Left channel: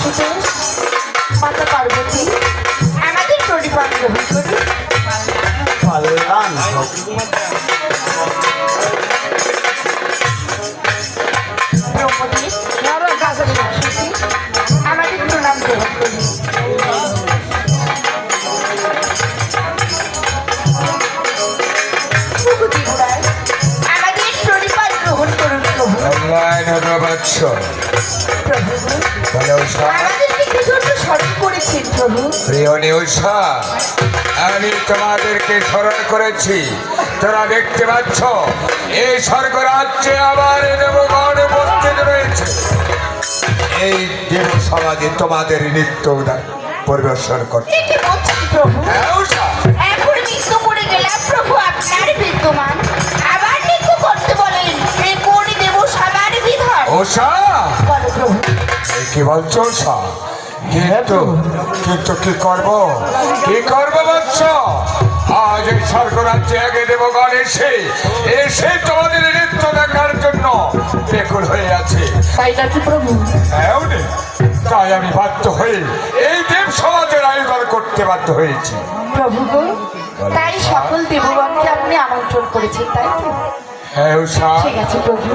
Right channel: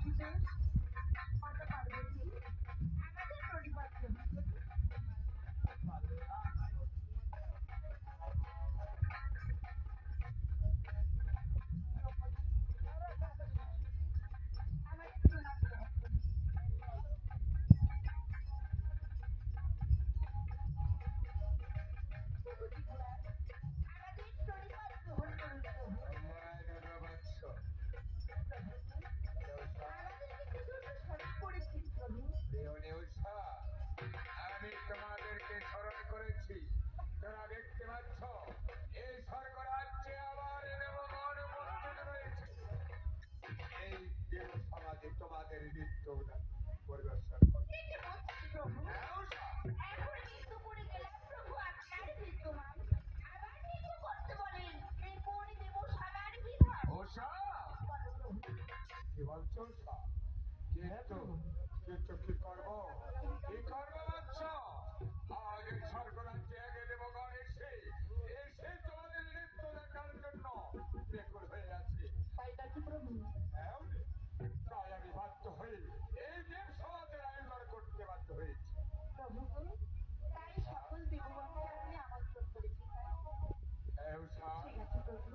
বাসুদেব, মাতা পার্বতী, আমাদের প্রণিপাত গ্রহণ করি। কল্যাণ হোক। ব্রহ্মদেব, সরস্বতী, আমাদের প্রণাম গ্রহণ করি। প্রভু ত্রিপুরায়, আমাদের প্রণিপাত গ্রহণ করুন প্রভু। কল্যাণ হবে বৎস। প্রভু, বলে উষা, আমাদেরকে কি জন্য স্মরণ করেছেন প্রভু? প্রিয় নিউষা, আমি তোমাদেরকে স্মরণ করেছি। তোরা দেখতে পাচ্ছ এই স্বর্গরাজ্যে আবার দেবগণ উপস্থিত রয়েছে। এই দেব সমাজে তোমাদের নৃত্য পরিবেশন করছে। কি বলছেন প্রভু? হ্যাঁ, উষা। এখন নৃত্য করে গেলাম প্রভু আপনার বিদ্যমান, আবার নৃত্য করতে বলেন, এই কোন দেব সবার বিধান? উষা, বলো প্রভু। এই কি বলছো উষা? কিন্তু কিন্তু কি করব, কি করবো বৎস? আজ এই স্বর্গরাজ্যে আগে দেবগণ এসে এসে তোমাদের নৃত্য দেখার জন্য বেকুল হয়ে আছে। তাই নাকি প্রভু? হ্যাঁ, তাই আমি বাধ্য হয়ে এই দেব সমাজের আয়োজন করতে বাধ্য হয়েছি। প্রভু গো, তাই সকল দেবগণকে আপনি আমন্ত্রণ করেছেন, তাই তো? হ্যাঁ উষা, ঠিক আছে প্রভু,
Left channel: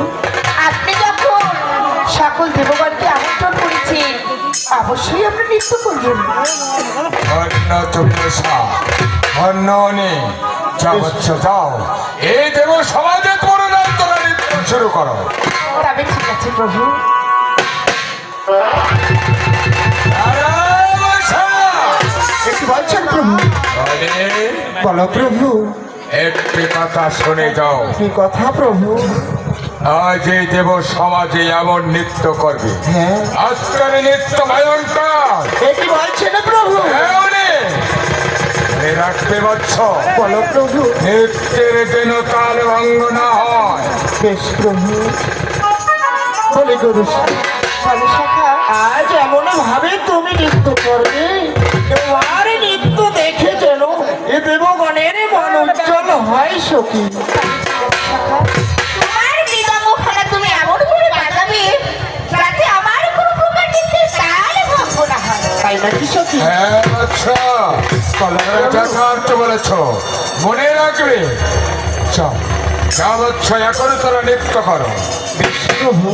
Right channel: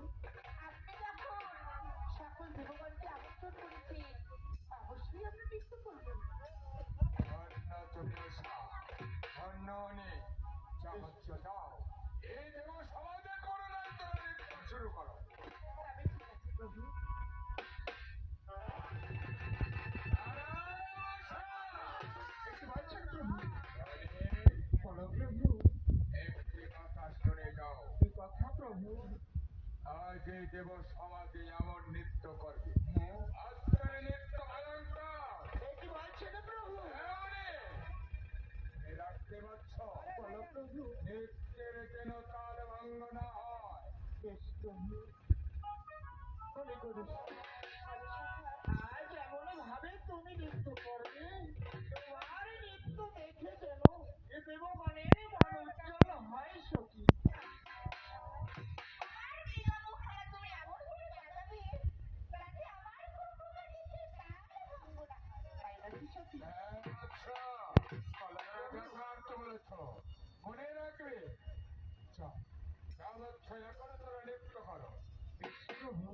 আপনি যখন সকল দেবগণকে আমন্ত্রণ করেছেন, অবশ্যই আপনি নৃত্য করবেন। অন্য তুমি উষা, অন্য নেই। যা বৎস যাও, এই দেব সমাজে তোমরা নৃত্য শুরু করো। তবে ঠিক আছে প্রভু। একটু বলছেন প্রভু? বলো প্রভু। একটি কথা শুনে যাও। কি কথা প্রভু? আজ এই দেব সমাজে এমন নৃত্য করবে, হ্যাঁ, আজকের নৃত্য ভয়ঙ্কর। কি বলছেন প্রভু? মনে রাখতে বৎস, বলো প্রভু। নৃত্যের যেন তাল ভঙ্গ না হয়। বেশ প্রভু। বলে গরু, বলো সখা, আজ এমন ভাবে তুমি নৃত্য করবে, তোমার নৃত্য দেখে যেন এ দেবগণের মন উজ্জ্বল হয় সখী। সখা, তোমার মৃদঙ্গখানা তুমি এমন করে বাজাবে যাতে আমার কোনো প্রকার নৃত্যের তাল ভঙ্গ না হয়। তাই নাকি সখী? হ্যাঁ আচ্ছা, যথার্থ বলেছ, মনে রাখবে। চল, যা বৎস, এখন তোরা নৃত্য করো। বেশ প্রভু।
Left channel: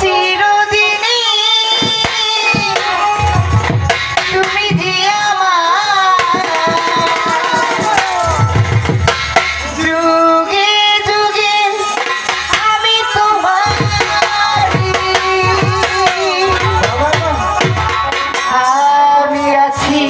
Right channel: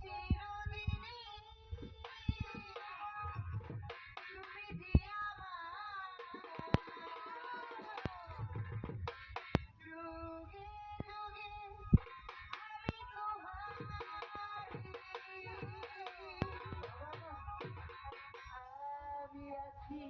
চিরদিনই তুমি যে আমার, যুগে যুগে আমি তোমার, আমি আছি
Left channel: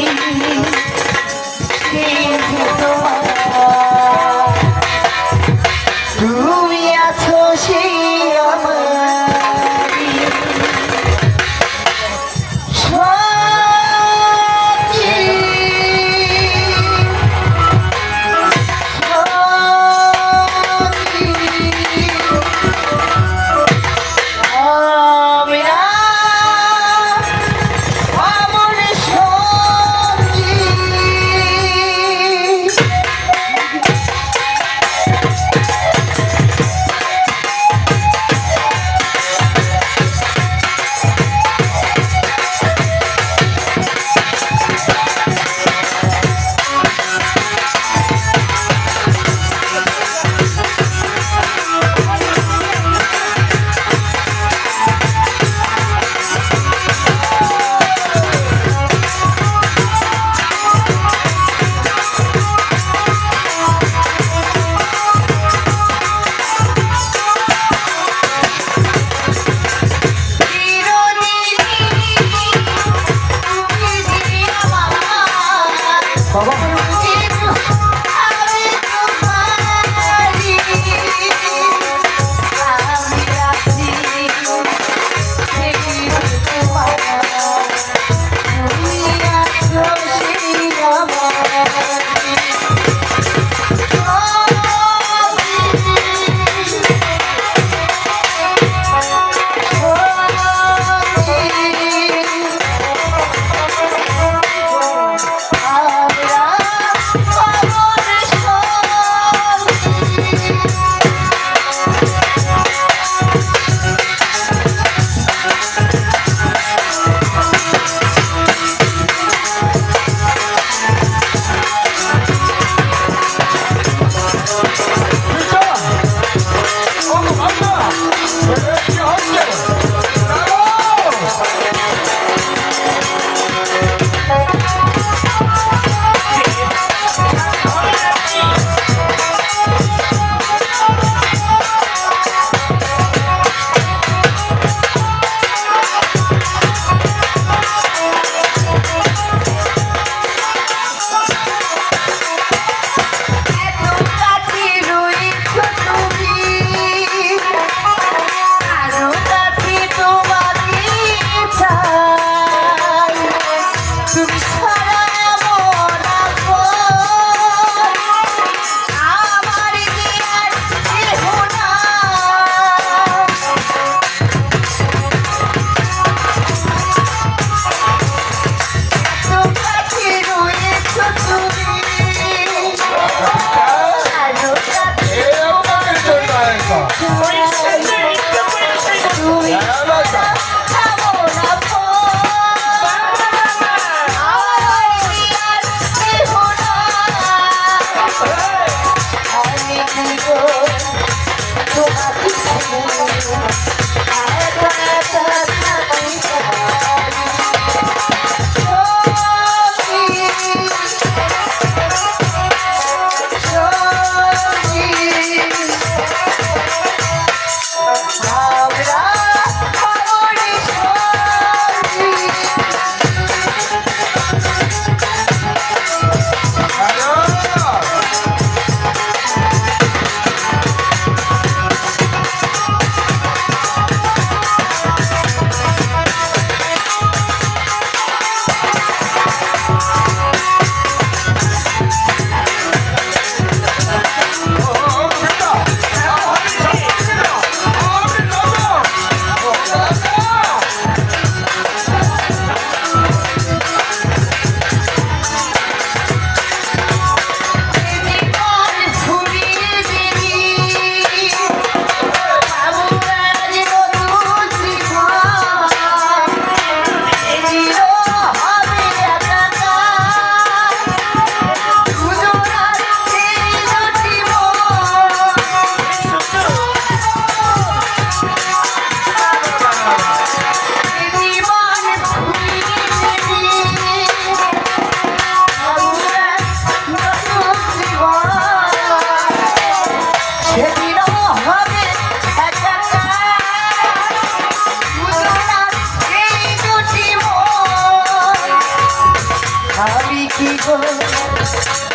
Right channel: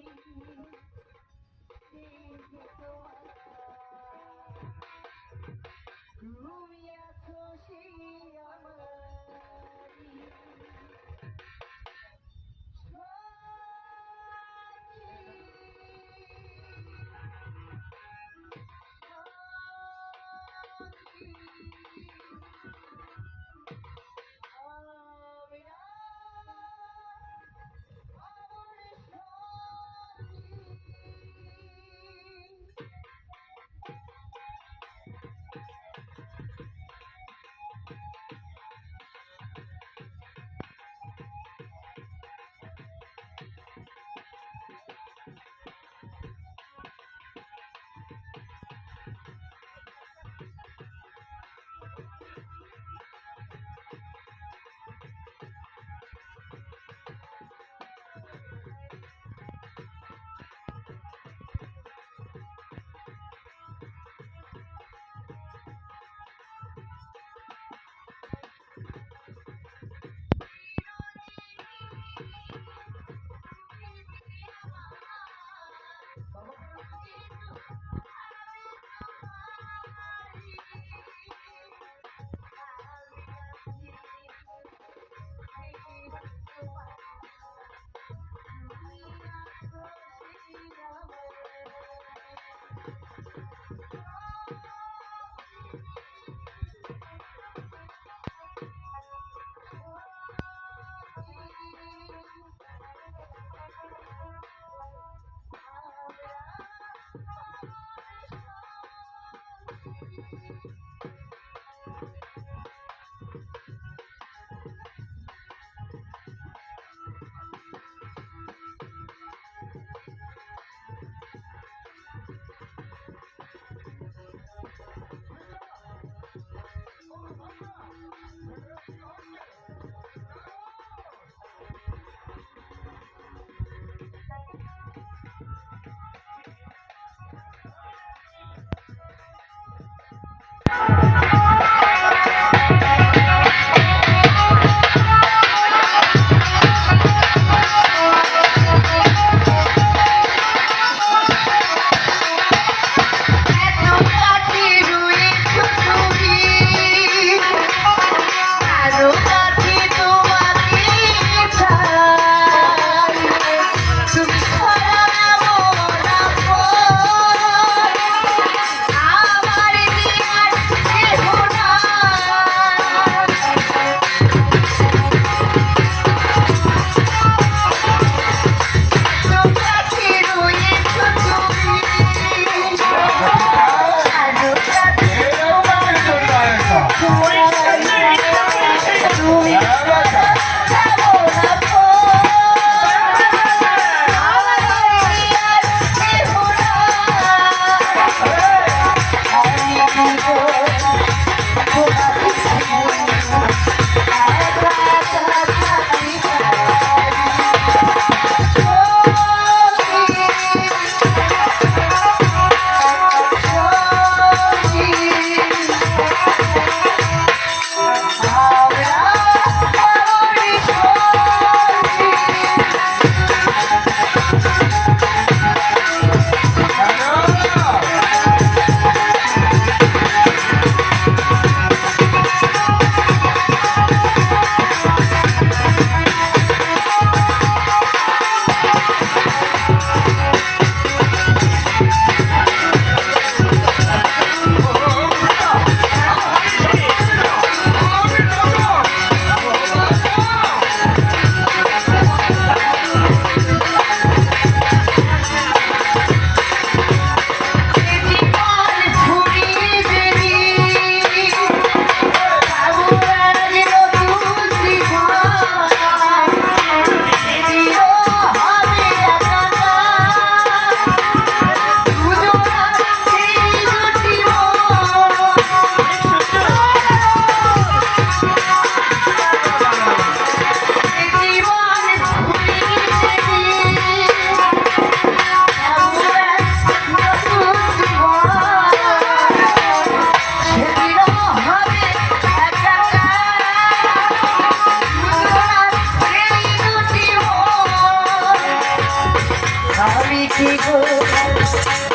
সখী গো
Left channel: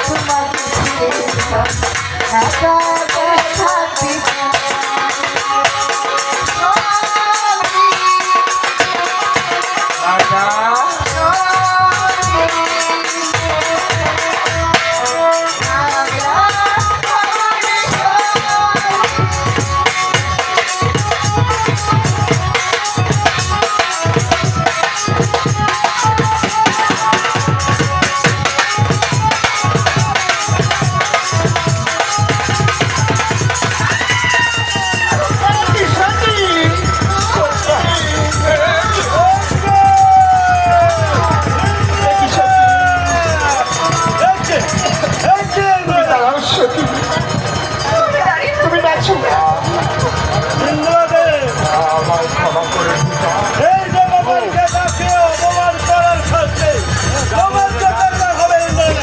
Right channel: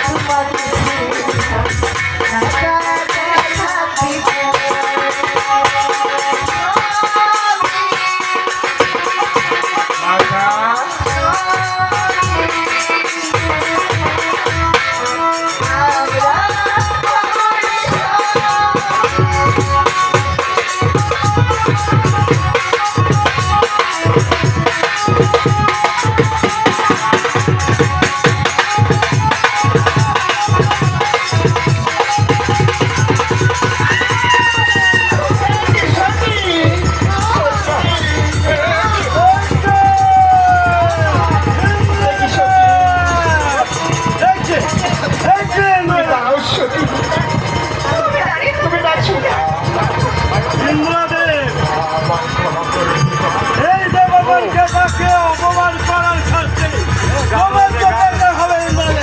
তোমাকে ছেড়ে একা একা থাকবি তুমি দাঁড়াও সখী, তুমি ডাকছো আমার ক্ষমা করে দিও। এই দেবগণকে তাকে অপমান করার শাস্তি জবাবকে করতে হবে এই বলে।